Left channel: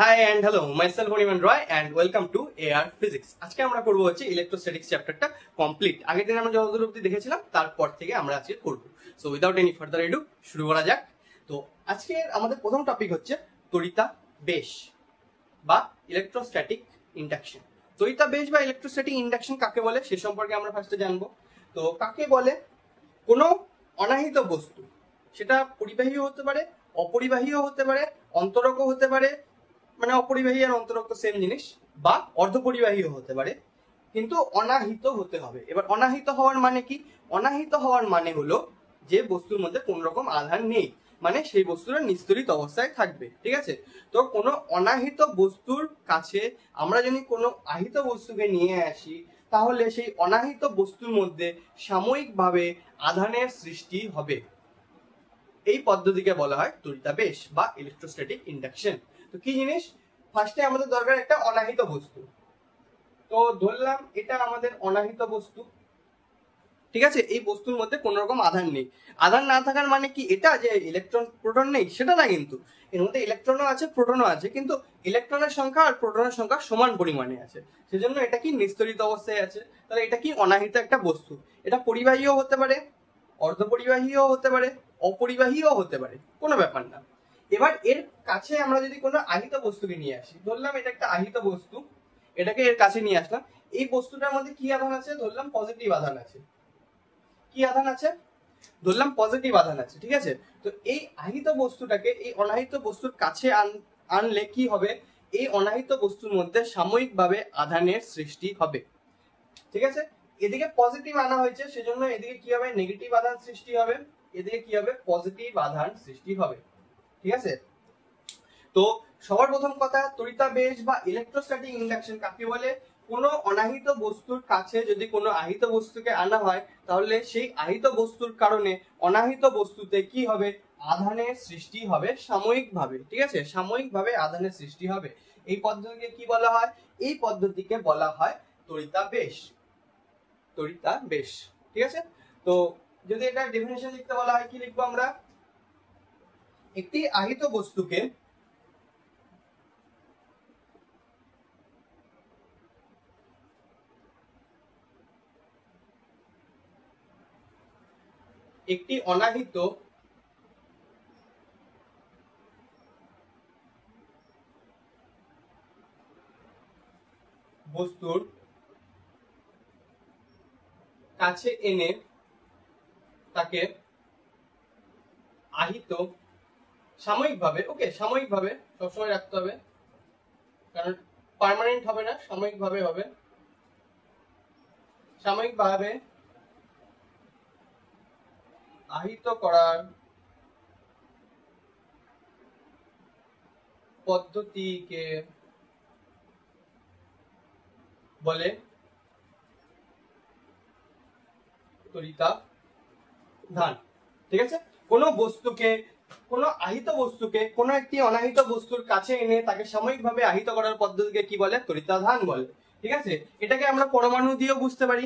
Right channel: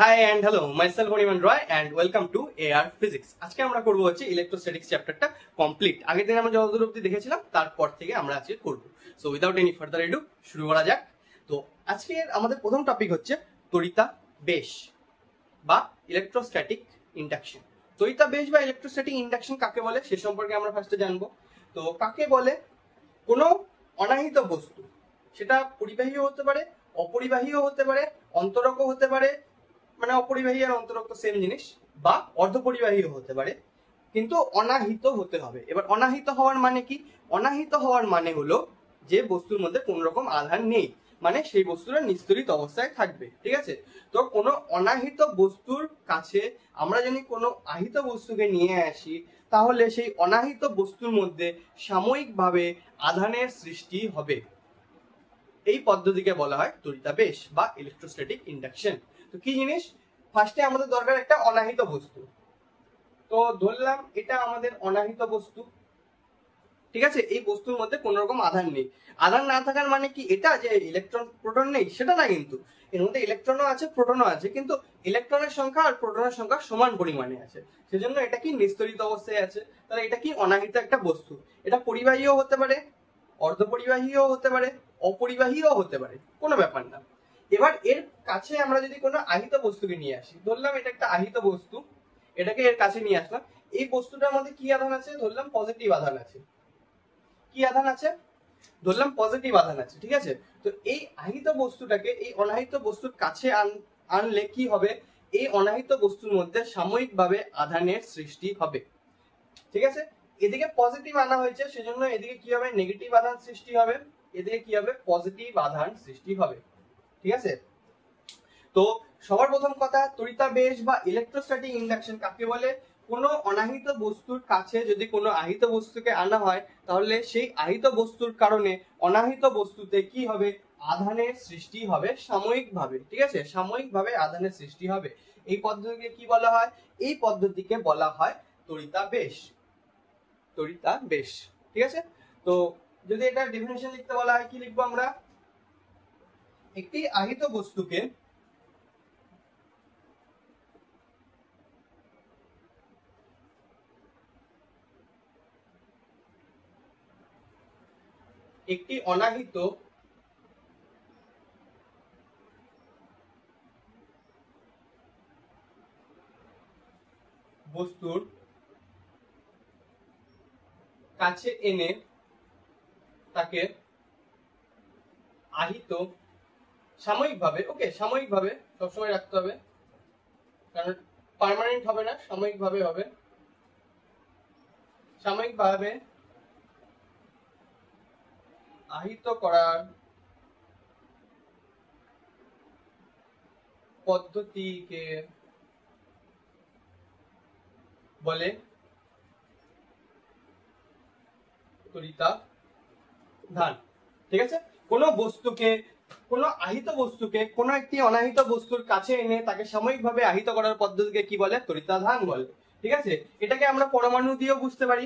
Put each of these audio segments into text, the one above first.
High and hello, myself Animan Roy and welcome to AR physics. আজকে আমরা করবো হচ্ছে ইলেকট্রোস্ট্যাটিক্স চ্যাপ্টারটা কমপ্লিট। আগের দিন আমরা যতদূর অবধি দেখেছিলাম তারপর থেকে আমরা আজকে করবো। So without any further edu শুরু করা যাক। তো আজকে আমাদের প্রথম টপিক হচ্ছে তড়িতাবেশ বা ইলেকট্রোস্ট্যাটিক ইন্ডাকশন। তড়িতাবেশ বা ইলেকট্রোস্ট্যাটিক ইন্ডাকশন কাকে বলে সে সম্পর্কে আমরা ফার্স্টে জানবো। তো কাকে বলে? কোনো অনাহিত বস্তু, সেটা পরিবাহীও হতে পারে, অপরিবাহীও হতে পারে, অন্তরকও হতে পারে, মানে অপরিবাহী আর অন্তরক সেম জিনিস, বা অর্ধপরিবাহীও হতে পারে, কিন্তু অনাহিত হতে হবে। এবার অনাহিত হওয়ার মানে কি? অনাহিত হওয়ার মানে হলো যে বস্তুর মধ্যে কোন রকম আধান নেই, মানে সেই বস্তুটা নিস্তড়িত অবস্থায় থাকবে। ঠিক আছে? তো কোনো অনাহিত বস্তুর কাছে আমরা যদি কোনো আহিত বস্তুকে নিয়ে আসি, তাহলে সেই অনাহিত বস্তুর মধ্যে সাময়িকভাবে আধানের সৃষ্টি হবে। এই পদ্ধতিকে বলা হয় তড়িতাবেশ বা ইলেকট্রোস্ট্যাটিক ইন্ডাকশন। তো কি জিনিস? ফার্স্টে আমাদের দরকার একটা অনাহিত বস্তু। তো ধরলাম এটা আমাদের অনাহিত বস্তু, ঠিক আছে? এই বস্তুর মধ্যে কোন রকম আধান নেই। আধান না থাকার মানে কি এটা যে ইলেকট্রন প্রোটন নেই সেটা না, কিন্তু এর মধ্যে ইলেকট্রনও আছে প্রোটনও আছে, কিন্তু ইলেকট্রনের সংখ্যা আর প্রোটনের সংখ্যা সমান পরিমাণে আছে, সেজন্য এটা কি নিস্তড়িত অবস্থায় আছে। তাহলে এটা কি অনাহিত একটা বস্তু। এটা পরিবাহীও হতে পারে, অর্ধপরিবাহীও হতে পারে, অপরিবাহীও হতে পারে, কোনো ব্যাপার না। এবার এর কাছে আমরা যদি কোনো আহিত বস্তুকে নিয়ে আসি, ধরলাম এটা একটা আহিত বস্তু, এটাকে এর কাছে নিয়ে আসলাম। এই বস্তুটার মধ্যে কি আধান আছে? ধরলাম পজিটিভ আধান আছে। কি আধান আছে? ধরলাম পজিটিভ আধান আছে, ঠিক আছে? তো এই আহিত বস্তুটাকে এই অনাহিত বস্তুর কাছে আনলে কি হবে? এই অনাহিত বস্তুর মধ্যে সাময়িকভাবে আধানের সৃষ্টি হবে। ঠিক আছে? এদিকে পজিটিভ আনা হয়েছে, সেজন্য এদিকে কি হবে? নেগেটিভ আধান সৃষ্টি হবে, এদিকে কি হবে? পজিটিভ আধান সৃষ্টি হবে। ঠিক আছে? তো সবার প্রথম কথা, তড়িতাবেশ বা ইলেকট্রোস্ট্যাটিক ইন্ডাকশন কাকে বলে? কোনো অনাহিত বস্তুর কাছে যদি কোনো আহিত বস্তুকে আনা হয়, তাহলে সেই আহিত বস্তুর কারণে অনাহিত বস্তুতে কি হবে? আধানের সৃষ্টি হবে সাময়িকভাবে। ঠিক আছে? সাময়িকভাবে আধানের সৃষ্টি হবে। এই পদ্ধতিকে কি বলা হয়? এই পদ্ধতিকে বলা হয় তড়িতাবেশ। তড়িতাবেশ, ঠিক আছে? তো যদি এটা ডেফিনিশন লিখতে বলা হয়, কি লিখবো আমরা? একটি আহিত বস্তুকে একটি অনাহিত বস্তুর কাছে এনে তাকে আহিত সাময়িকভাবে, ওকে সাময়িকভাবে সবসময় রাখতে হবে, কারণ পার্মানেন্ট হবে না, সাময়িকভাবে হবে। সাময়িকভাবে আহিত করার পদ্ধতিকে বলে তড়িতাধান। ঠিক আছে? কোন বস্তুকে, কোন আহিত বস্তুকে কোন একটি অনাহিত বস্তুর কাছে এনে তাকে সাময়িকভাবে আহিত করার পদ্ধতিকে কি বলে? তড়িতাধান বলে। ঠিক আছে? এটাকে আমরা পরমাণু দিয়েও বুঝতে পারি।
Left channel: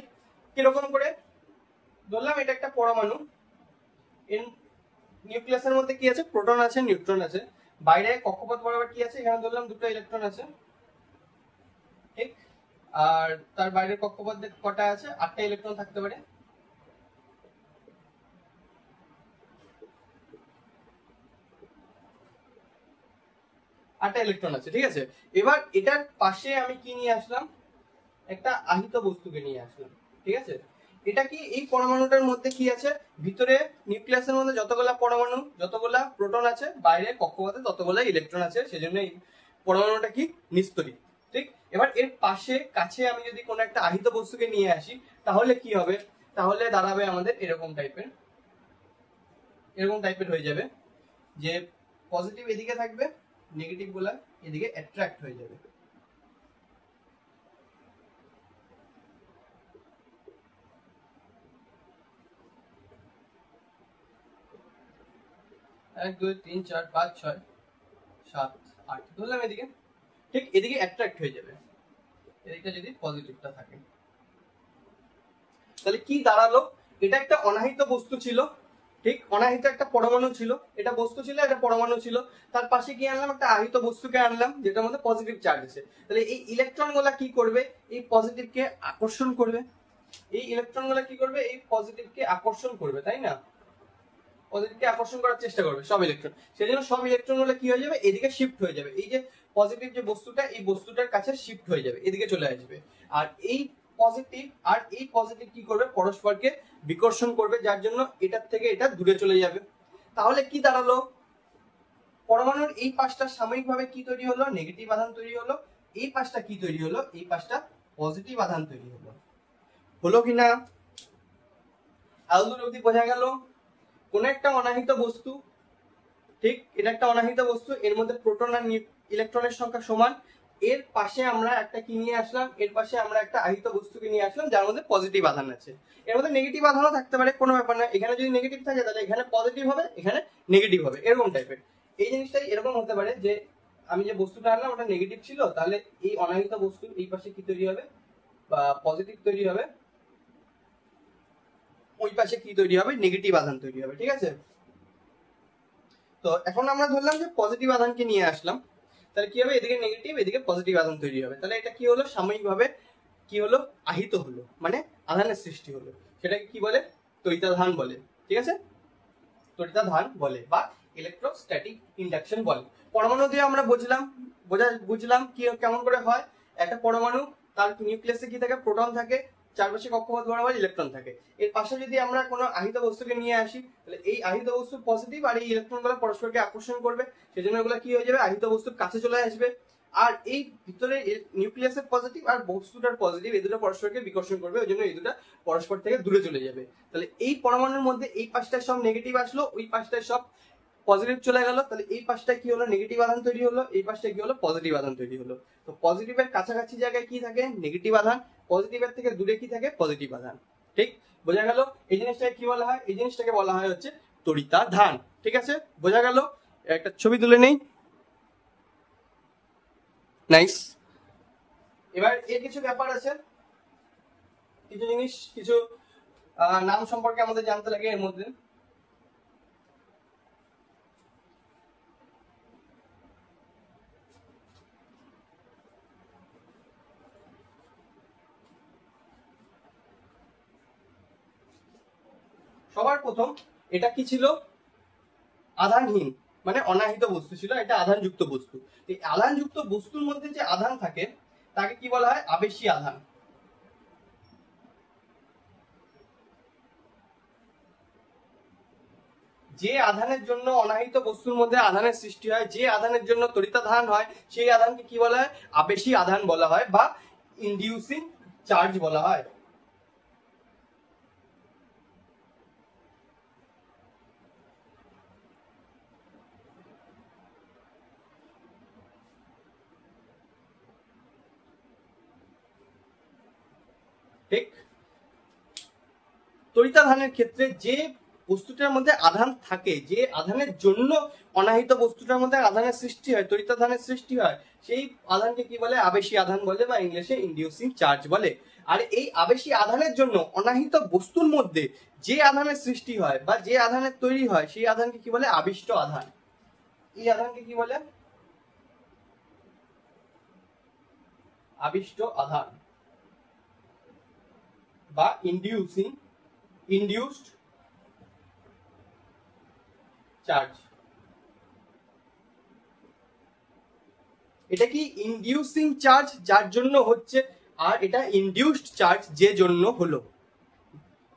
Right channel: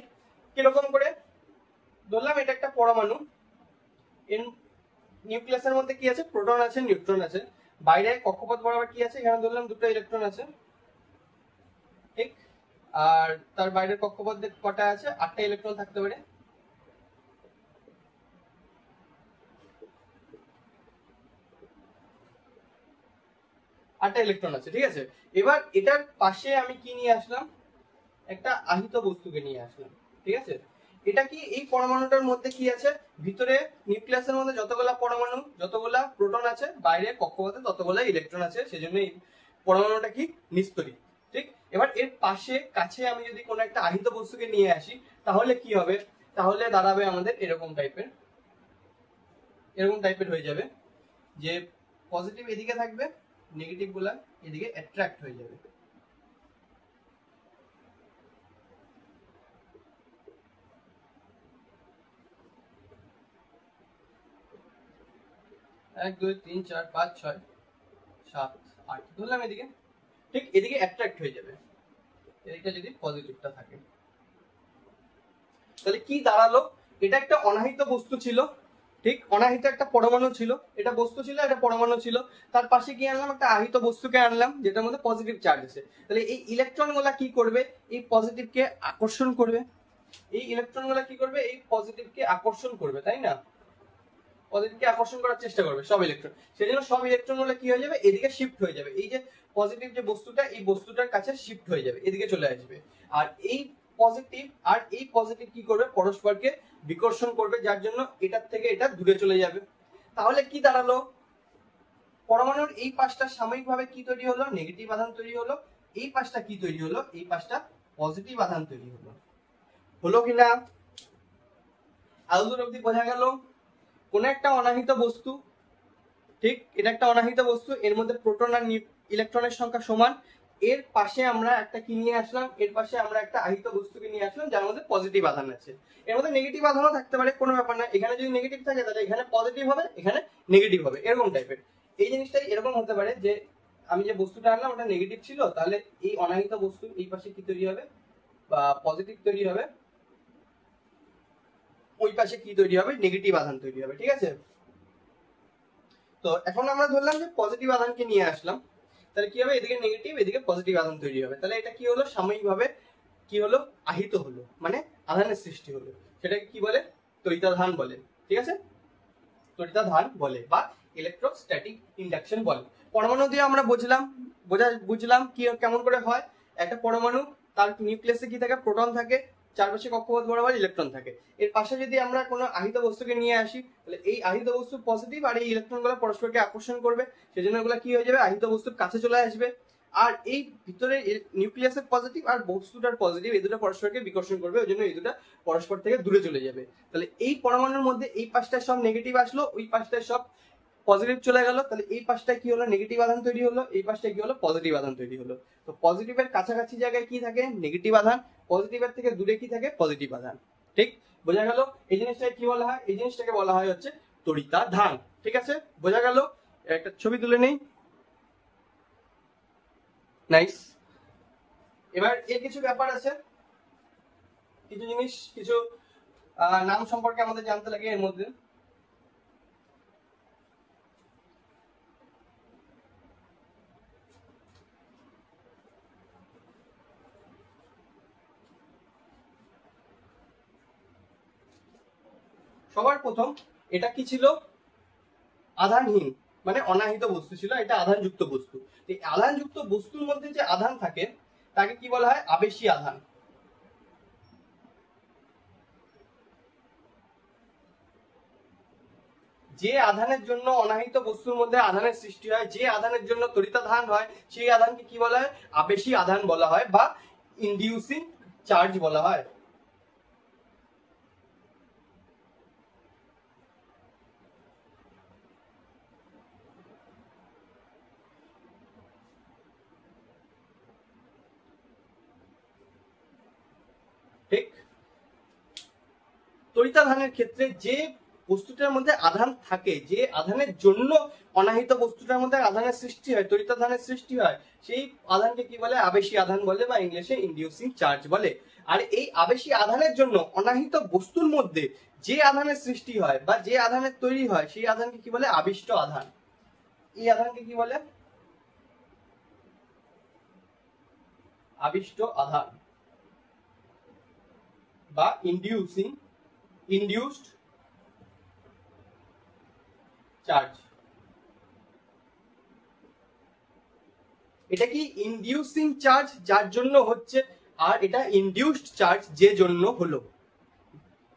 কিরকম করে? ধরলাম এটা একটা পরমাণু, এর নিউক্লিয়াসের মধ্যে কি আছে? প্রোটন আছে, নিউট্রন আছে। বাইরে কক্ষপথ বরাবর কি আছে? এখানে ধরলাম দুটো ইলেকট্রন আছে, ঠিক? আর তার বাইরের কক্ষপথ কটা আছে? 8টা ইলেকট্রন থাকতে পারে। আটটা ইলেকট্রন আছে, ঠিক আছে? এবার এটার পাশে আমি কি নিয়ে আসলাম? একটা আহিত বস্তুকে নিয়ে আসলাম। ঠিক আছে? এটা কি এই পরমাণুটার মধ্যে কি আছে? ভিতরে নিউক্লিয়াসের মধ্যে যতগুলা পরমাণু, যতগুলা প্রোটন আছে, বাইরে কক্ষপথে ততগুলা ইলেকট্রন আছে, সেজন্য এই পরমাণুটা কি? নিস্তড়িত। ঠিক? এবার এর পাশে কাছে আমি যদি কোনো একটা আহিত বস্তুকে নিয়ে আসি, তাহলে কি হবে? তাহলে দাঁড়াবে আমাদের এরকম টাইপের, এরকম টাইপের হয়ে যাবে যে পজিটিভ এদিকে থাকবে, নেগেটিভ গুলা এদিকে অ্যাট্রাক্ট হয়ে যাবে। এক দুই তিন চার পাঁচ ছয় সাত আট ধরলাম এদিকে, ঠিক এদিকে অ্যাট্রাক্ট হয়ে যাবে, এদিকে যদি পজিটিভটা থাকে। তাহলে কি দাঁড়ালো? এটা একটা অনাহিত বস্তু ছিল, ঠিক, অনাহিত একটা পরমাণু ছিল, এটা বস্তু ছিল, এটা পরমাণু ছিল, তার পাশে কি আনলাম, একটা আহিত বস্তুকে আনলাম যেটার মধ্যে পজিটিভ চার্জ আছে। তাহলে এই ইলেকট্রন গুলা কি করবে, এই পজিটিভকে আকর্ষণ করবে, এই ইলেকট্রন গুলা কি করবে, এই পজিটিভকে আকর্ষণ করবে, তাই না? পজিটিভকে আকর্ষণ করার চেষ্টা করবে সব ইলেকট্রন, সেজন্য সব ইলেকট্রন গুলো কি হয়ে যাবে, এদিকে শিফট হয়ে যাবে, এই যে পজিটিভ যে বস্তুটা, এই বস্তুটার কাছে শিফট হয়ে যাবে, এদিকে চলে আসবে। আর এই পজিটিভ আর এই পজিটিভ কি করবে, পরস্পরকে বিকর্ষণ করবে, যার জন্য এটার থেকে এটা দূরে চলে যাবে। তাহলে কি দাঁড়ালো, পরমাণুর এই পাশটা সাময়িকভাবে কি তৈরি হলো, নেগেটিভ আধান তৈরি হলো, এই পাশটা কি তৈরি হলো, এই পাশটা পজিটিভ আধান তৈরি হলো। হলো কিনা এতদূর অব্দি বোঝা গেল? কোন একটা অনাহিত বস্তু, ঠিক, এটা একটা অনাহিত বস্তু, এর মধ্যে প্রোটন আর ইলেকট্রনের সংখ্যা সমান, এর পাশে আমরা একটা কি নিয়ে আসলাম, এর পাশে আমরা একটা আহিত বস্তুকে নিয়ে আসলাম যার মধ্যে পজিটিভ আধান আছে। এর মধ্যে নেগেটিভ আধানও থাকতে পারে, কোনো ব্যাপার না, এখানে যদি নেগেটিভ থাকে তাহলে এখানে পজিটিভ হবে, এখানে নেগেটিভ হবে, এরকম টাইপের। এই জিনিসটাই এরকম হতে পারে যে আমি যে বস্তুটা আনলাম ওটা নেগেটিভ ছিল, তাহলে এই অনাহিত বস্তু এই পাশে কি তৈরি হবে, বা পজিটিভ তৈরি হবে, ওই পাশে কি তৈরি হবে, নেগেটিভ আধান তৈরি হবে, ঠিক আছে? তো এখন আমরা ধরলাম যে পজিটিভ আধানকে নিয়ে আসলাম, তাহলে কি হবে, এদিকে নেগেটিভ এদিকে পজিটিভ আধান তৈরি হবে, তাহলে এটা কি হলো, সাময়িকভাবে কি হলো, আহিত হলো, মানে আধানের সৃষ্টি হলো, সেটাকে কি বলে, তড়িতাধান বলে, ঠিক আছে? তড়িতাধান বলে বা ইলেকট্রোস্ট্যাটিক ইন্ডাকশন বলে। পরমাণু দিয়ে আমরা বুঝলাম কি কেমন করে হয়, একটা পরমাণু, তার নিউক্লিয়াসে কি থাকে, প্রোটন থাকে, চারপাশে কক্ষপথ বরাবর ইলেকট্রন থাকে। এর পাশে যদি আমরা কোনো আহিত বস্তুকে নিয়ে আসি, তাহলে এই আহিত বস্তু পজিটিভ আর এই ইলেকট্রন গুলো পরস্পরকে আকর্ষণ করবে, সেজন্য এগুলো কি হয়ে যাবে, আহিত বস্তুর কাছে চলে আসবে। আর এই ভিতরে নিউক্লিয়াসের পজিটিভ আর বস্তুটার পজিটিভ, এই দুটো পরস্পরকে বিকর্ষণ করবে, ওই জন্য এই দুটো পরস্পর থেকে দূরে চলে যাবে। তাহলে এই পরমাণুর মধ্যে এই পাশটায় সব নেগেটিভ আসলো, ওই পাশটায় সব পজিটিভ চলে গেল, তাহলে এই পাশটায় কি হলো, নেগেটিভ আধান তৈরি হলো, এই পাশটায় কি হলো, পজিটিভ আধান তৈরি হলো। তো পজিটিভের কাছাকাছি জায়গায় কি থাকে, নেগেটিভ আধান, পজিটিভের থেকে দূরে কি থাকে, পজিটিভ আধান। ঠিক, বোঝা গেল? এই জিনিসটাকে কি বলা হয়, এই জিনিসটাকে বলা হয় হচ্ছে তড়িতাধান। ঠিক আছে, বোঝা গেল? একটা ছবি তুলে নেই। নাইস। এবার এর কিছু ব্যাপার আছে, কিছু জিনিস, কিছু নাম সম্পর্কে আমাদের জানতে লাগে এর মধ্যে। সবার প্রথম, এটা কি ছিল, আধানহীন, মানে অনাহিত বস্তু ছিল, এটা আধানযুক্ত বস্তু। এই আধানযুক্ত বস্তুর মধ্যে যে আধান থাকে তাকে কি বলা হয়, আবেশী আধান। যে আধানের জন্য অনাহিত বস্তুর মধ্যে আধানের সৃষ্টি হয়, যে আধানের জন্য তড়িতাধান হয়, সেই আধানকে কি বলা হয়, আবেশী আধান বলা হয় বা ইনডিউসিং চার্জ বলা হয়। ঠিক, তড়িতাধানের ক্ষেত্রে যে বস্তুটার মধ্যে আধান থাকে, যে আধানের জন্য অনাহিত বস্তুটার মধ্যে আধানের সৃষ্টি হয়, তড়িতাধানের সৃষ্টি হয়, সেই আধানকে কি বলে, আবেশী আধান বলে বা ইংলিশে ইনডিউসিং চার্জ বলে। আর এই আবেশী আধানের জন্য অনাহিত বস্তুর মধ্যে যে আধানের সৃষ্টি হয় বা যে আধানের তৈরি হয়, সেই আধানকে কি বলে, আবিষ্ট আধান। এই আধানকে কি বলে, আবিষ্ট আধান বা ইনডিউসড চার্জ। এটা কি ইনডিউসিং চার্জ যার জন্য হচ্ছে, আর এটা ইনডিউসড চার্জ যে জন্য হলো।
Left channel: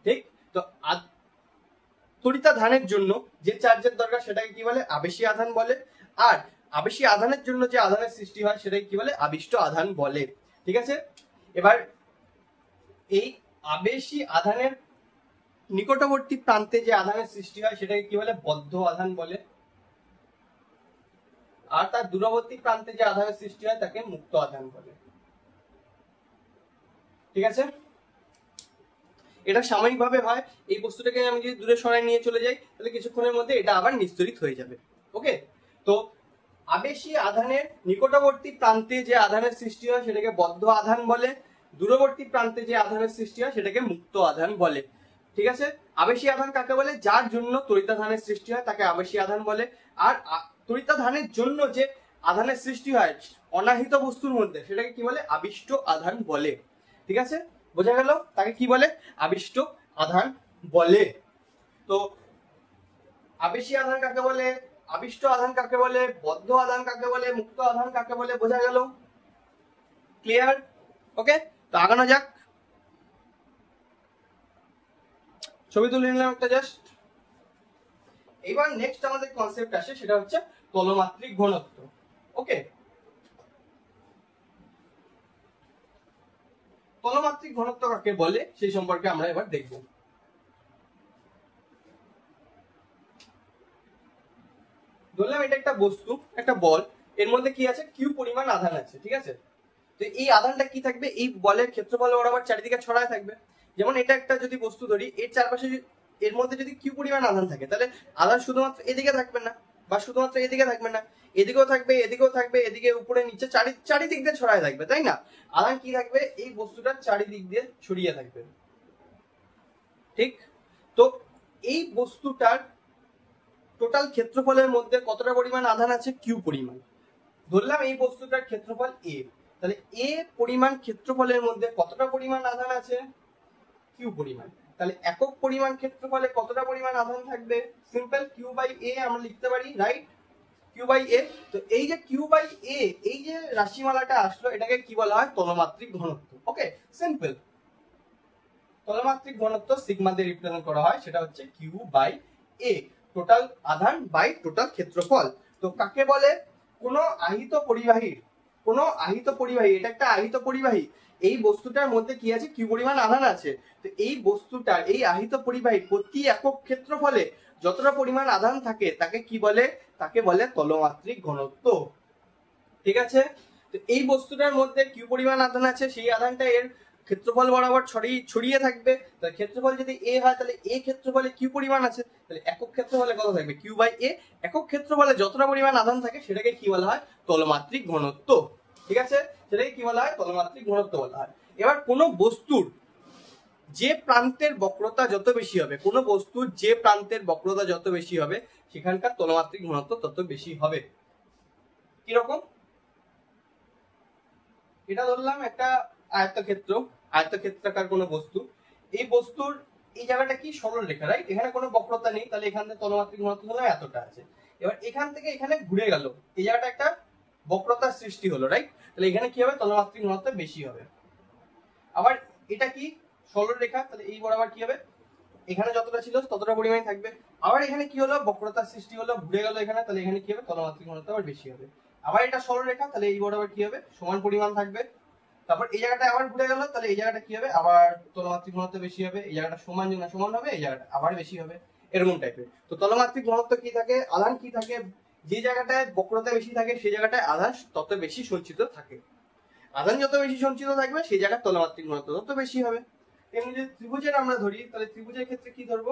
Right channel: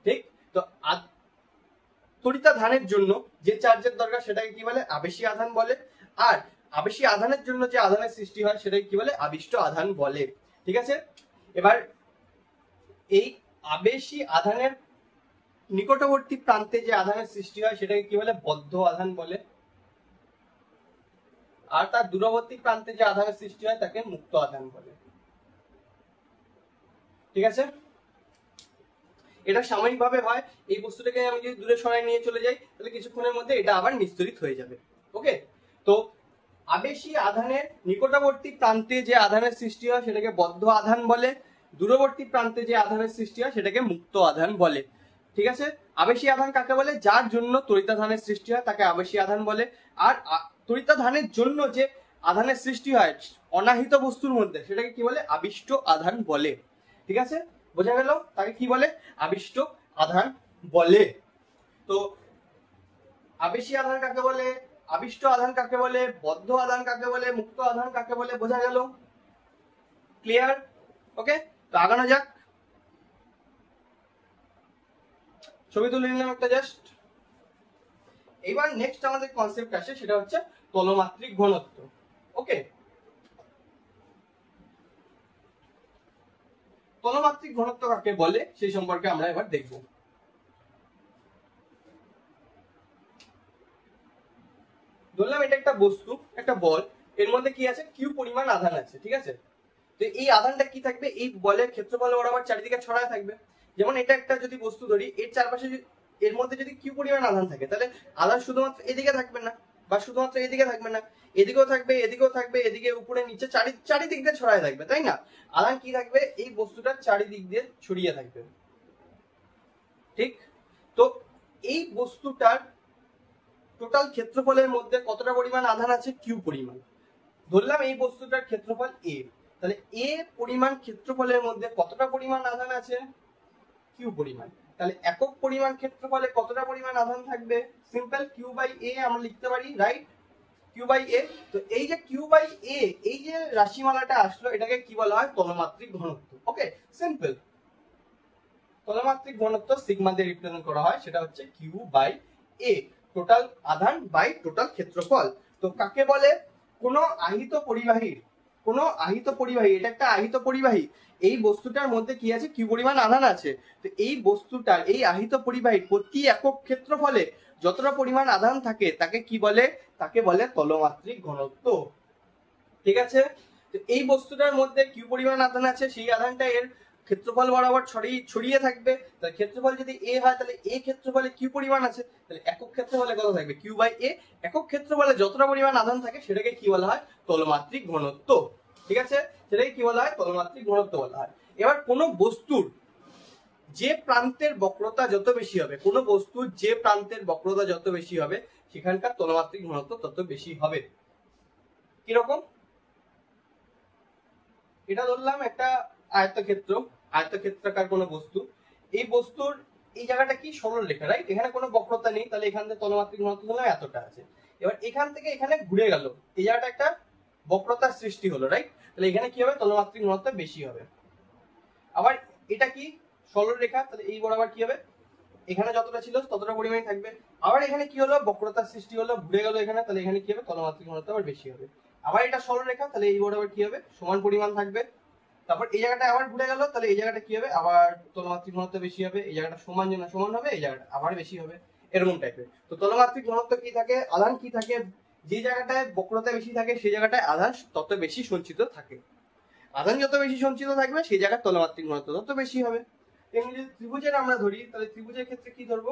ঠিক, তো তড়িতাধানের জন্য যে চার্জের দরকার সেটাকে কি বলে, আবেশী আধান বলে। আর আবেশী আধানের জন্য যে আধানের সৃষ্টি হয় সেটাকে কি বলে, আবিষ্ট আধান বলে। ঠিক আছে, এবার এই আবেশী আধানের নিকটবর্তী প্রান্তে যে আধানের সৃষ্টি হয় সেটাকে কি বলে, বদ্ধ আধান বলে। আর তার দূরবর্তী প্রান্তে যে আধানের সৃষ্টি হয় তাকে মুক্ত আধান বলে। ঠিক আছে, এটা সাময়িকভাবে হয়। এই বস্তুটাকে আমি যদি দূরে সরাই নিয়ে চলে যাই, তাহলে কিছুক্ষণের মধ্যে এটা আবার নিস্তরিত হয়ে যাবে। ওকে, তো আবেশী আধানের নিকটবর্তী প্রান্তে যে আধানের সৃষ্টি হয় সেটাকে বদ্ধ আধান বলে, দূরবর্তী প্রান্তে যে আধানের সৃষ্টি হয় সেটাকে মুক্ত আধান বলে। ঠিক আছে। আবেশী আধান কাকে বলে? যার জন্য তড়িতাধানের সৃষ্টি হয় তাকে আবেশী আধান বলে। আর তড়িতাধানের জন্য যে আধানের সৃষ্টি হয় অনাহিত বস্তুর মধ্যে সেটাকে কি বলে? আবিষ্ট আধান বলে। ঠিক আছে, বোঝা গেল? তাকে কি বলে? আবিষ্ট আধান বলে। তো আবেশী আধান কাকে বলে, আবিষ্ট আধান কাকে বলে, বদ্ধ আধান কাকে বলে, মুক্ত আধান কাকে বলে, বোঝা গেল? ক্লিয়ার? ওকে, তো আগানো যাক। ছবি তুলে নিলাম একটা জাস্ট। এবার নেক্সট আমাদের কনসেপ্ট আসে, সেটা হচ্ছে তলমাত্রিক ঘনত্ব। ওকে, তলমাত্রিক ঘনত্ব কাকে বলে সেই সম্পর্কে আমরা এবার দেখব। ধরলাম এটা একটা বস্তু, একটা বল, এর মধ্যে কি আছে? কিউ পরিমাণ আধান আছে। ঠিক আছে, তো এই আধানটা কি থাকবে? এই বলের ক্ষেত্রফল বরাবর চারিদিকে ছড়ায় থাকবে। যেমন এটা একটা যদি বস্তু ধরি, এর চারপাশে এর মধ্যে যদি কিউ পরিমাণ আধান থাকে, তাহলে আধান শুধুমাত্র এদিকে থাকবে না, বা শুধুমাত্র এদিকে থাকবে না, এদিকেও থাকবে, এদিকেও থাকবে, এদিকে উপরে নিচে চারিদিক দিয়ে ছড়ায় থাকবে, তাই না? আধান কি থাকবে? এই বস্তুটার চারিদিক দিয়ে ছড়িয়ে থাকবে। ঠিক, তো এই বস্তুটার টোটাল ক্ষেত্রফলের মধ্যে কতটা পরিমাণ আধান আছে? কিউ পরিমাণ। ধরলাম এই বস্তুটার ক্ষেত্রফল এ, তাহলে এ পরিমাণ ক্ষেত্রফলের মধ্যে কতটা পরিমাণ আধান আছে? কিউ পরিমাণ। তাহলে একক পরিমাণ ক্ষেত্রফলে কতটা পরিমাণ আধান থাকবে? সিম্পল, কিউ বাই এ আমরা লিখতে পারি, রাইট? কিউ বাই এ। তো এই যে কিউ বাই এ, এই যে রাশিমালাটা আসলো, এটাকে কি বলা হয়? তলমাত্রিক ঘনত্ব। ওকে, সিম্পল। তলমাত্রিক ঘনত্ব সিগমা দিয়ে রিপ্রেজেন্ট করা হয়, সেটা হচ্ছে কিউ বাই এ, টোটাল আধান বাই টোটাল ক্ষেত্রফল। তো কাকে বলে? কোন আহিত পরিবাহী, এটা একটা আহিত পরিবাহী, এই বস্তুটার মধ্যে কি আছে? কিউ পরিমাণ আধান আছে। তো এই বস্তুটার, এই আহিত পরিবাহী প্রতি একক ক্ষেত্রফলে যতটা পরিমাণ আধান থাকে তাকে কি বলে? তাকে বলে তলমাত্রিক ঘনত্ব। ঠিক আছে, তো এই বস্তুটার মধ্যে কিউ পরিমাণ আধান আছে, সেই আধানটা এর ক্ষেত্রফল বরাবর ছড়িয়ে থাকবে। তাহলে ক্ষেত্রফল যদি এ হয়, তাহলে এ ক্ষেত্রফলে কিউ পরিমাণ আছে, তাহলে একক ক্ষেত্রফলে কত থাকবে? কিউ বাই এ। একক ক্ষেত্রফলে যতটা পরিমাণ আধান থাকে সেটাকে কি বলা হয়? তলমাত্রিক ঘনত্ব। ঠিক আছে, সেটাকে কি বলা হয়? তলমাত্রিক ঘনত্ব বলা হয়। এবার কোন বস্তুর যে প্রান্তের বক্রতা যত বেশি হবে, কোন বস্তুর যে প্রান্তের বক্রতা যত বেশি হবে, সেখানকার তলমাত্রিক ঘনত্ব তত বেশি হবে। কিরকম? এটা ধরলাম একটা আয়তক্ষেত্রাকার কোন বস্তু, এই বস্তুর এই জায়গাটা কি? সরল রেখা, রাইট? এখানে কোনো বক্রতা নেই, তাহলে এখান থেকে তলমাত্রিক ঘনত্ব হলো এতটা আছে। এবার এখান থেকে এখানে ঘুরে গেল, এই জায়গাটা একটা বক্রতার সৃষ্টি হলো, রাইট? তাহলে এখানে কি হবে? তলমাত্রিক ঘনত্ব বেশি হবে। আবার এটা কি? সরল রেখা, তাহলে এই বরাবর কি হবে? এখানে যতটা ছিল ততটা পরিমাণে থাকবে। আবার এখানে কি হলো? বক্রতার সৃষ্টি হলো, ঘুরে গেল এখানে, তাহলে এখানে কি হবে? তলমাত্রিক ঘনত্ব আবার বেশি হবে। আবার এটা সরল রেখা, তাহলে এই বরাবর কি হবে? সমান পরিমাণ থাকবে। তারপর এই জায়গাটা আবার ঘুরে গেল, তাহলে এই জায়গাটা কি হবে? আবার তলমাত্রিক ঘনত্ব বেশি হবে। এই জায়গাটা সমান না সমান হবে, এই জায়গাটা আবার বেশি হবে, এরকম টাইপের। তো তলমাত্রিক ঘনত্ব কি থাকে? আধান কি থাকে? যে জায়গাটায় বক্রতা বেশি থাকে সেই জায়গাটায় আধান তত বেশি সঞ্চিত থাকে। আধান যত বেশি সঞ্চিত থাকবে সেই জায়গার তলমাত্রিক ঘনত্ব তত বেশি হবে। এমনি যদি ত্রিভুজের আমরা ধরি, তাহলে ত্রিভুজের ক্ষেত্রে কি ধরবো?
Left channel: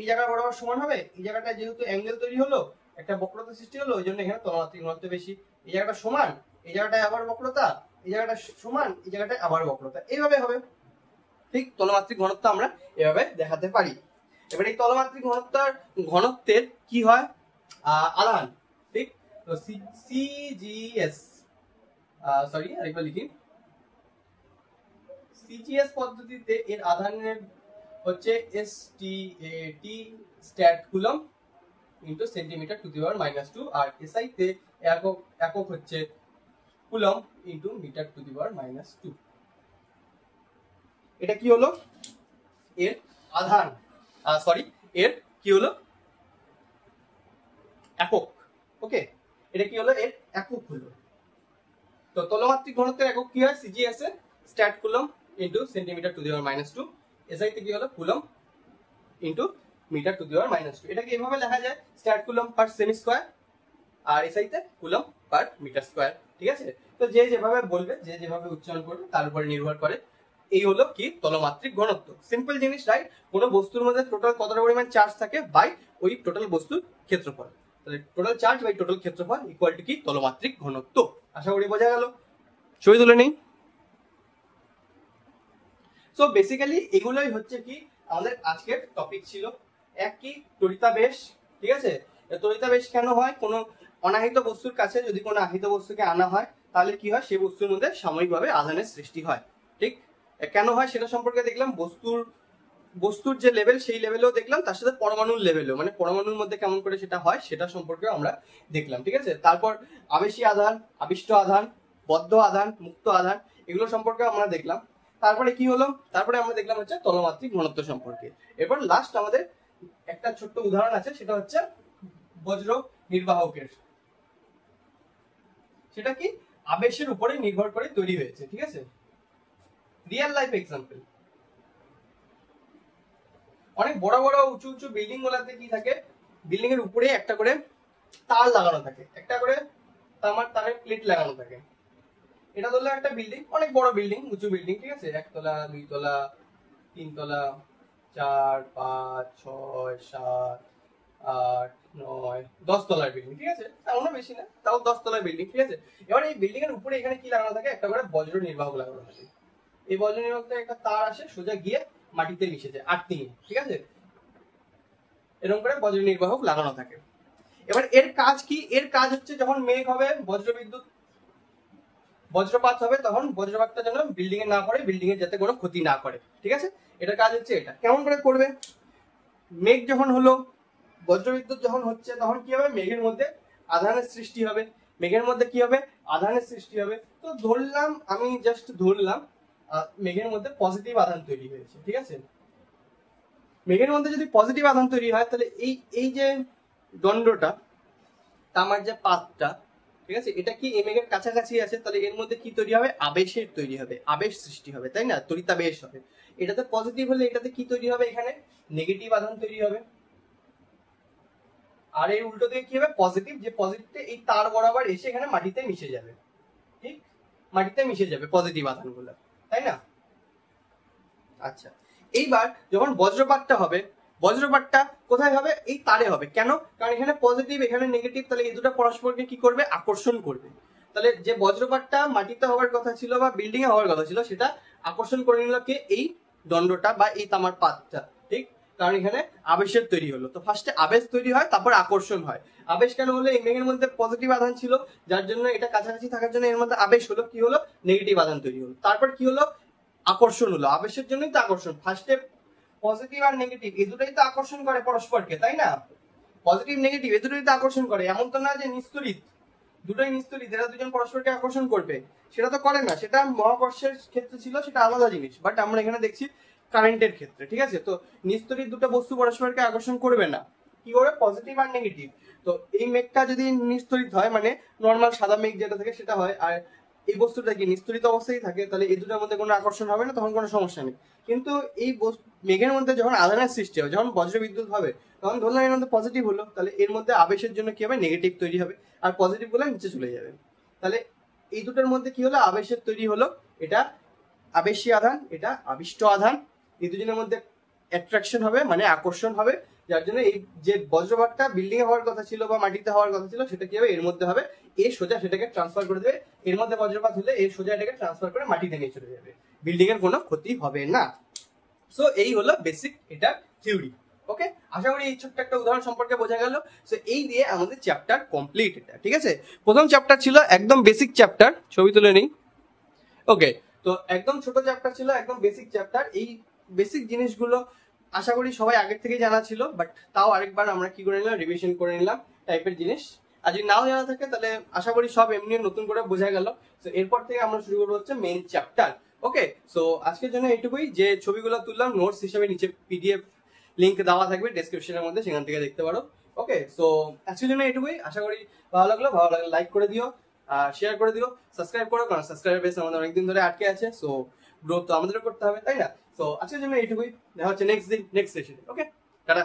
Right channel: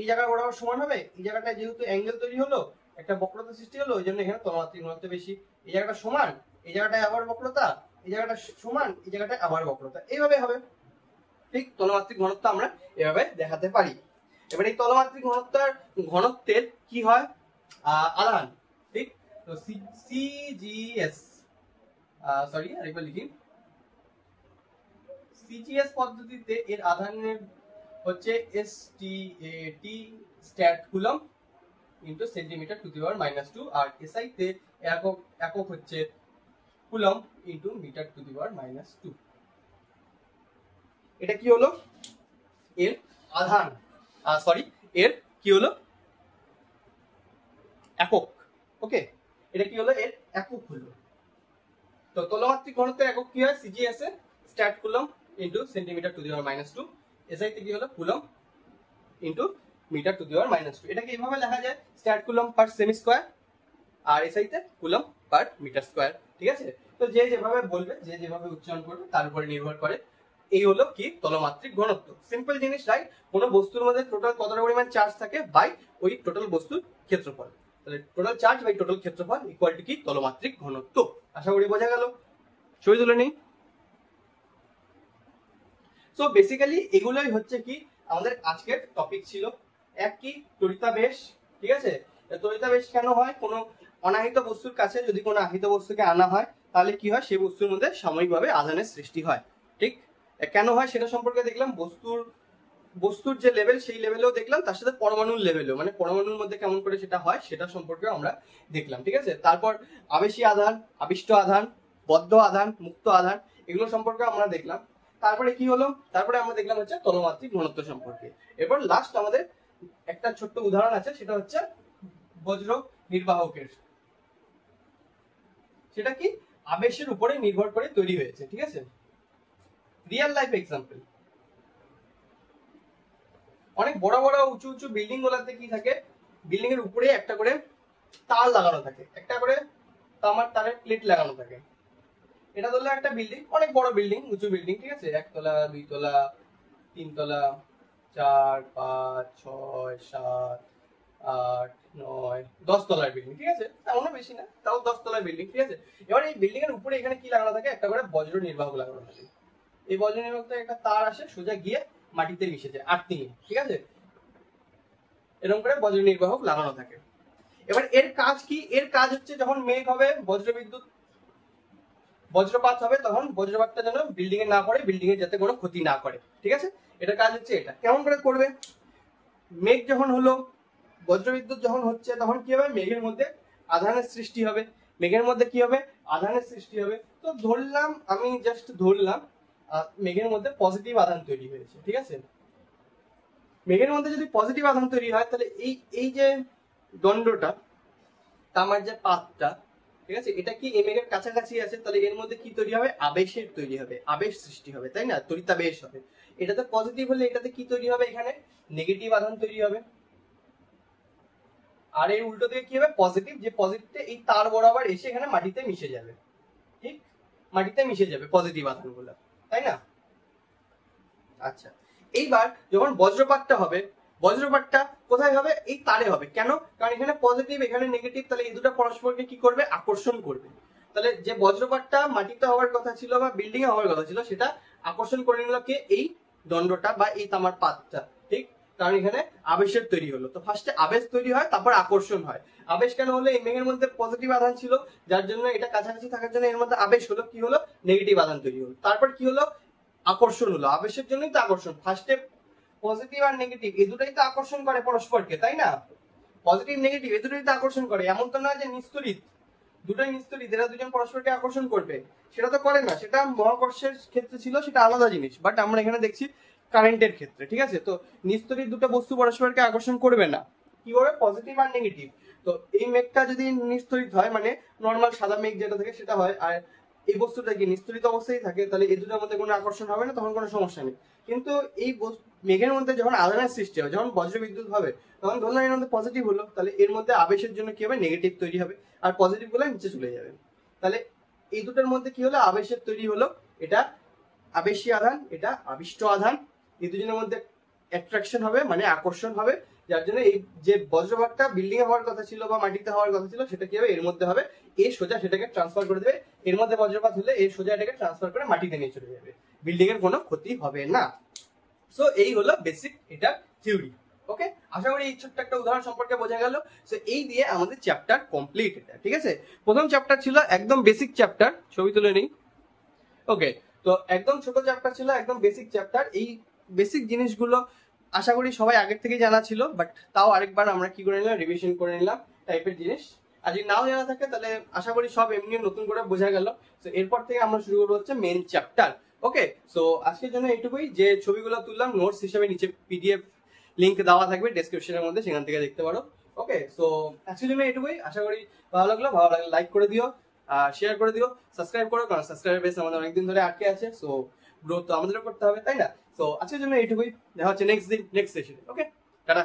এই জায়গা বরাবর সমান হবে, এই জায়গাটায় যেহেতু অ্যাঙ্গেল তৈরি হলো, একটা বক্রতা সৃষ্টি হলো, ওই জন্য এখানে তলমাত্রিক ঘনত্ব বেশি। এই জায়গাটা সমান, এই জায়গাটায় আবার বক্রতা, এই জায়গাটা সমান, এই জায়গাটায় আবার বক্রতা, এইভাবে হবে। ঠিক, তলমাত্রিক ঘনত্ব আমরা এভাবে দেখাতে পারি। এবার এই তলমাত্রিক ঘনত্বের কি হয়? আধান। ঠিক, তো সিজিএস, সরি আরেকবার লিখি, সিজিএস পদ্ধতিতে এর আধানের হচ্ছে STAT stat coulomb into centimetre to the power -2, আর এসআই তে একক হচ্ছে coulomb into metre to the power -2। এটা কি হলো? এর আধান, সরি এর কি হলো? একক। ওকে, এটা কি হলো? এর একক হলো। তো তলমাত্রিক ঘনত্বের একক কি হয়? সিজিএস এর stat coulomb into centimetre to the power -2, SI তে কি হলো? Coulomb into metre to the power -2। এটাকে এভাবে লেখা যায়, স্ট্যাট কুলম্ব পার সেমি স্কয়ার, আর এসআই তে কুলম্ব পার মিটার স্কয়ার। ঠিক আছে, তো যে যেভাবে বলবে, যে যেভাবে উচ্চারণ করবে তার উপর নির্ভর করে। এই হলো কি? তলমাত্রিক ঘনত্ব। সিম্পল জিনিস, রাইট? কোন বস্তুর মধ্যে টোটাল কতটা পরিমাণ চার্জ থাকে বাই ওই টোটাল বস্তুর ক্ষেত্রফল, তাহলে টোটাল চার্জ বাই টোটাল ক্ষেত্রফল ইকুয়াল টু কি? তলমাত্রিক ঘনত্ব। আশা করি বোঝা গেল। ছবি তুলে নেই। সো বেসিক্যালি এগুলোই হচ্ছে কি আমাদের আজকের টপিক ছিল এক কি তড়িতাবেশ। ঠিক আছে, তড়িতাবেশ কেন হয়? কোনো অনাহিত বস্তুর কাছে যদি কোনো আহিত বস্তুকে আনা হয় তাহলে কি হয়, সেই বস্তুর মধ্যে সাময়িকভাবে আধানের সৃষ্টি হয়। ঠিক, কেন হয় সেটা সম্পর্কে দেখলাম। বস্তুর যে লেভেল সেই লেভেলেও দেখলাম, তার সাথে পরমাণুর লেভেলেও, মানে পরমাণুর মধ্যে কেমন করে সেটা হয় সেটা সম্পর্কে আমরা দেখলাম। ঠিক আছে, তারপর আবেশী আধান, আবিষ্ট আধান, বদ্ধ আধান, মুক্ত আধান, এগুলো সম্পর্কে আমরা দেখলাম। তারপরে কি হলো, তারপরে আমরা দেখলাম হচ্ছে তলমাত্রিক ঘনত্ব সম্পর্কে। এরপর লাস্ট আমাদের একটা ছোট্ট উদাহরণ আছে, সেটা হচ্ছে বজ্র নির্বাহকের। সেটা কি আবেশের উপরে নির্ভর করে তৈরি হয়েছে। ঠিক আছে, রিয়েল লাইফ এক্সাম্পল। অনেক বড় বড় উঁচু উঁচু বিল্ডিং গুলাতে কি থাকে, বিল্ডিং এর উপরে একটা করে তার লাগানো থাকে, একটা করে তামার তারের প্লেট লাগানো থাকে। এটা ধরলে একটা বিল্ডিং, অনেক বড় বিল্ডিং, উঁচু বিল্ডিং। ঠিক আছে, 1 তলা 2 তলা 3 তলা 4 5 6 7 8 9 10 তলার বিল্ডিং। ঠিক আছে, তেমনও বেশি না, তাও 10 তলার বিল্ডিং। ঠিক আছে, এবার এই বিল্ডিং এর উপরে এখানে কি লাগানো থাকে, একটা করে বজ্র নির্বাহক লাগানো থাকে। এই বজ্র নির্বাহক থেকে একটা তার আসে, সোজা গিয়ে মাটিতে মিশে যায় আর্থিংয়ে। ঠিক আছে, এরকম করে বজ্র নির্বাহক লাগানো থাকে। এবার এর কাজ কি? এর কাজ হচ্ছে যখন মেঘ হবে, বজ্রপাত হবে, তখন বজ্রপাতটা যেন বিল্ডিং এ না পড়ে, বিল্ডিং এর যাতে কোনো ক্ষতি না করে। ঠিক আছে, এটার কাজ হচ্ছে এটা। কেমন করে করবে? মেঘ যখন হলো, বজ্রবিদ্যুৎ যখন হচ্ছে, তখন কি হবে, মেঘের মধ্যে আধানের সৃষ্টি হবে। মেঘের মধ্যে কি হবে, আধানের সৃষ্টি হবে। তো ধরলাম, আমি জাস্ট ধরলাম মেঘের মধ্যে পজিটিভ আধান তৈরি হয়েছে। ঠিক আছে, মেঘের মধ্যে যদি পজিটিভ আধান তৈরি হয়, তাহলে এই যে দণ্ডটা, তামার যে পাতটা, ঠিক আছে, এটা কি এই মেঘের কাছাকাছি আছে, তাহলে এর মধ্যে কি তৈরি হবে, আবেশের তৈরি হবে, আবেশ সৃষ্টি হবে, তাই না? তড়িতাবেশ হবে। এটাতে পজিটিভ হলে এটাতে কি তৈরি হবে, এখানে নেগেটিভ আধান তৈরি হবে। আর এর উল্টো দিকে কি হবে, পজিটিভ, যে পজিটিভটা এই তার বরাবর এসে এখানে মাটিতে মিশে যাবে। ঠিক, মাটিতে মিশে যাবে পজিটিভ আধানগুলো, তাই না? আচ্ছা, এইবার যখন বজ্রপাতটা হবে, বজ্রপাতটা কোথায় হবে, এই তারে হবে। কেন? কারণ এখানে পজিটিভ, এখানে নেগেটিভ, তাহলে এই দুটো পরস্পরকে কি করবে, আকর্ষণ করবে। তাহলে যে বজ্রপাতটা মাটিতে হওয়ার কথা ছিল বা বিল্ডিং এ হওয়ার কথা ছিল, সেটা আকর্ষণ করে নিল কে, এই দণ্ডটা বা এই তামার পাতটা। ঠিক, কারণ এখানে আবেশের তৈরি হলো। তো ফার্স্টে আবেশ তৈরি হয়, তারপর আকর্ষণ হয়। আবেশ কেন হলো, এই মেঘের মধ্যে পজিটিভ আধান ছিল, যার জন্য এটা কাছাকাছি থাকার জন্য এর মধ্যে আবেশ হলো। কি হলো, নেগেটিভ আধান তৈরি হলো। তারপর কি হলো, আকর্ষণ হলো। আবেশের জন্যই তো আকর্ষণ। ফার্স্টে পজিটিভ আর নেগেটিভ এই দুটোই তো আকর্ষণ করে পরস্পরকে, তাই না? পজিটিভ নেগেটিভ এই দুটোই তো আকর্ষণ করে। এমন তো না যে নিস্তড়িত, দুটোই নিস্তড়িত, এরা দুজন পরস্পরকে আকর্ষণ করবে, সেটা তো করে না। সেটা মহাকর্ষের ক্ষেত্রে ছিল, সেটা আলাদা জিনিস। বাট আমরা এখানে দেখছি কারেন্টের ক্ষেত্রে। ঠিক আছে, তো নিস্তড়িত দুটো বস্তু পরস্পরকে আকর্ষণ করবে না। কি করে, পজিটিভ আর নেগেটিভ। তো এই মেঘটা যদি নিস্তড়িত হয়, মানে নর্মাল সাদা মেঘ যেটা থাকে সেটা হয়, আর এই বস্তুটা কি নিস্তড়িত অবস্থায় থাকে, তাহলে এই দুটোর মধ্যে কোনো আকর্ষণ হবে না, তখন কোনো সমস্যা নেই। কিন্তু এই মেঘের মধ্যে যখন আধানের সৃষ্টি হবে, যখন বজ্রবিদ্যুৎ হবে, তখন ধরলাম এর মধ্যে পজিটিভ হলো, তাহলে এর মধ্যে আবেশের জন্য কি হবে, নেগেটিভ তৈরি হবে, আর পজিটিভ গুলো নিচে চলে যাবে। তাহলে এই দুটোর মধ্যে কি হলো, আবেশের তৈরি হলো। এটা আবেশী আধান, এটা আবিষ্ট আধান। এই দুজনের মধ্যে অ্যাট্রাকশন হবে, মানে আকর্ষণ হবে, যার জন্য এই যে বজ্রপাতটা বিল্ডিং এ হওয়ার কথা ছিল বা মাটিতে হওয়ার কথা ছিল, সেটা কি হবে, এর মধ্যে হবে। এ সোজা সেটাকে ট্রান্সফার করে দেবে। এর মধ্যে বজ্রপাত হলে এই সোজা এটাকে ট্রান্সফার করে মাটিতে নিয়ে চলে যাবে, বিল্ডিং এর কোনো ক্ষতি হবে না। সো এই হলো বেসিক এটা থিওরি। ওকে, আশা করি এই ছোট্ট একটা উদাহরণ সম্পর্কে বোঝা গেল। সো এই দিয়ে আমাদের চ্যাপ্টার কমপ্লিট এটা। ঠিক আছে, প্রথম চ্যাপ্টার ছিল একদম বেসিক চ্যাপ্টার, ছবি তুলে নেই। ওকে, তো একদম ছোট চ্যাপ্টার ছিল, একদম বেসিক চ্যাপ্টার। এই বেসিক জিনিসগুলো আশা করি সবাই আগের থেকেই জানা ছিল, বাট তাও আরেকবার আমরা কি করে নিলাম, রিভিশন করে নিলাম টাইপের জিনিস। আর যদি নাও জানা থাকে, তাহলে আশা করি সব এমনি নতুন করে বোঝা গেল। তো এরপর থেকে আমরা শুরু করবো হচ্ছে মেন চ্যাপ্টার। ওকে, সো আজকের জন্য এটুকুই। যে ছবিগুলো তুললাম নোটস হিসেবে নিচে পিডিএফ লিংক দেওয়া থাকবে ডেসক্রিপশনের মধ্যে, সেখান থেকে দেখতে পারো। ওকে, সো আজকের জন্য এটুকুই। আশা করি ভালো লাগলো লাইক করে দিও, শেয়ার করে দিও, সাবস্ক্রাইব করো, কারণ সাবস্ক্রাইবার বেস আমাদের অনেকদিন ধরে আটকে আছে। সো গ্রোথ তো আমাদেরও করতে হবে, তাই না? তো আজকের জন্য এইটুকুই। দেখা হচ্ছে নেক্সট সেশনে। ওকে, টাটা।